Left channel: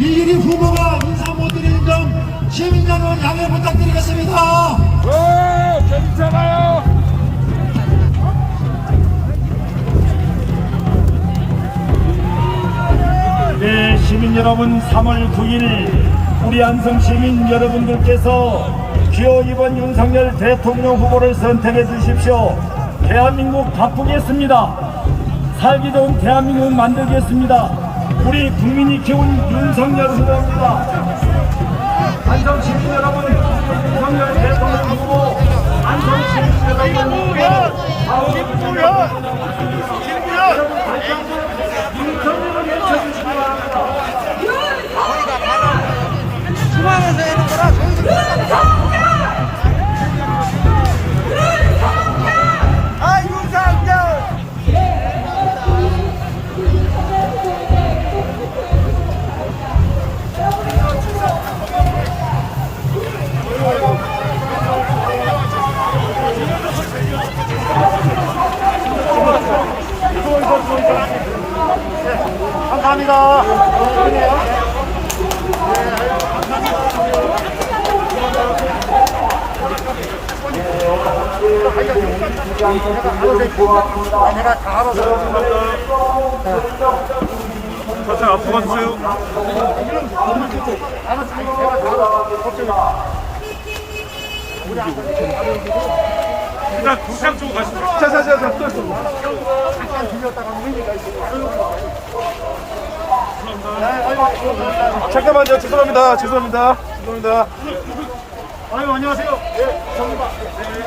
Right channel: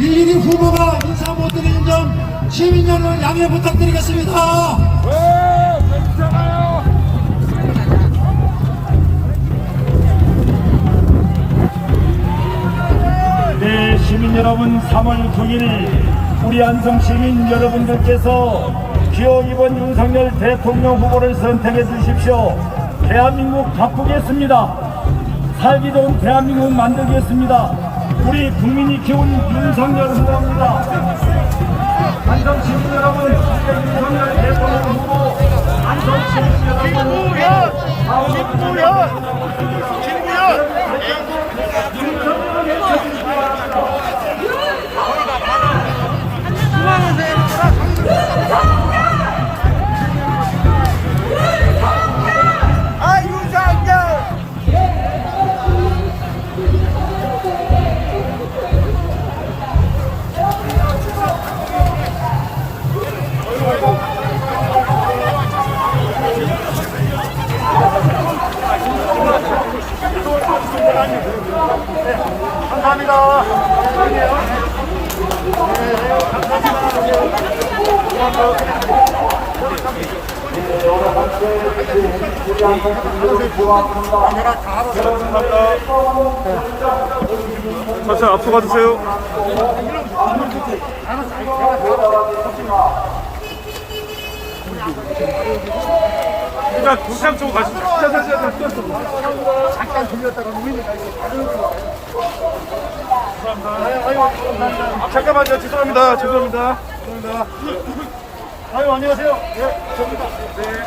이일이 후보가 인사 못 드리는 점 시민 여러분 양해 부탁드리겠습니다. 네, 시민 여러분 3월 9일 우리 안성 시민 여러분들께서 기호 2번 윤석열 대통령 후보를 선택해 주십시오. 대한민국 바꾸겠습니다. 살기 좋은 대한민국 만들겠습니다. 우리 국민이 키운 윤석열 후보입니다. 안성 시민 여러분, 내가 다 알아서. 자, 앞으로 가주세요. 알아서. 걱정 마. 그냥 교상 쪽으로 가시죠. 자, 자, 자, 자, 또 있어. 잠깐 들렸다가 감사합니다. 잠깐만요. 죄송합니다. 죄송합니다. 죄송합니다. 아유, 안녕하세요. 예, 저입니다. 예.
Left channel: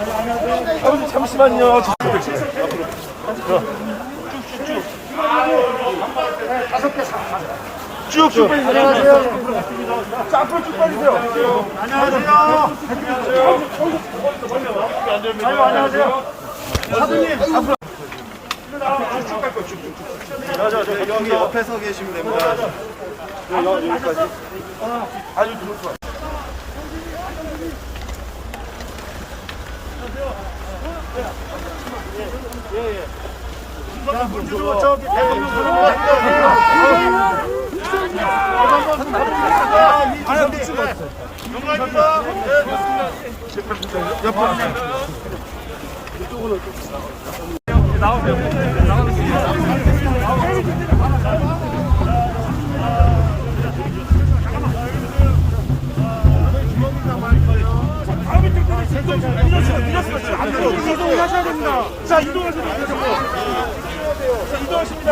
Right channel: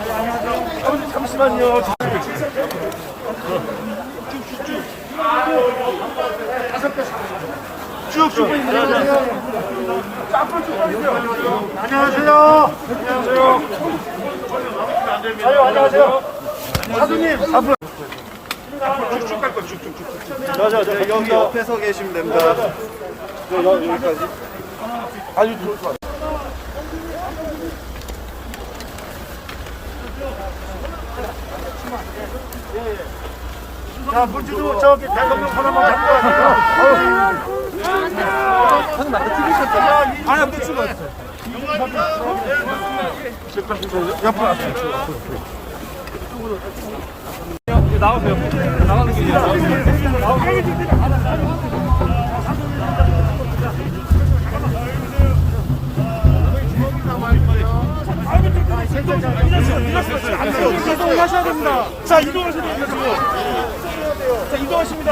아유, 안녕하세요. 잠시만요. 저- 네, 다섯 개 사. 쭉쭉. 안녕하세요. 자. 앞으로 쭉 가주세요. 안녕하세요. 안 됩니다. 안녕하세요. 사부님. 앞으로. 쭉갈 거야. 쭉쭉쭉. 자, 자, 네, 여기 옆에 서 계시면 됩니다. 네, 여기, 여기까지. 아니, 자, 문주도 저기 손 한번 잡고 가세요. 아야, 무추가 있어요. 옆으로 왔어요. 네. 이동하셔야 됩니다. 자, 이동하셔도 되고. 자, 이동하십니다.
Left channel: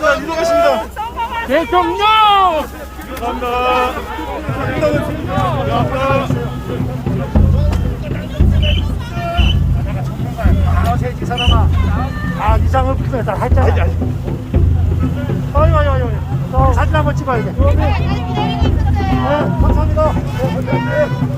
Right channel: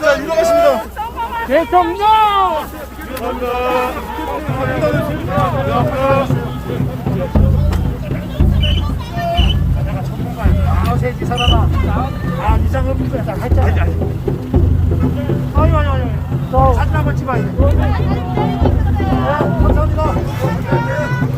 자, 이동하십니다. 대통령! 감사합니다. 아, 새끼 사람아. 아, 이상은 비싸. 다 할잖아. 아유, 아유, 아유. 사진 한번 찍어야 돼. 어, 네, 감사합니다. 네, 감사합니다.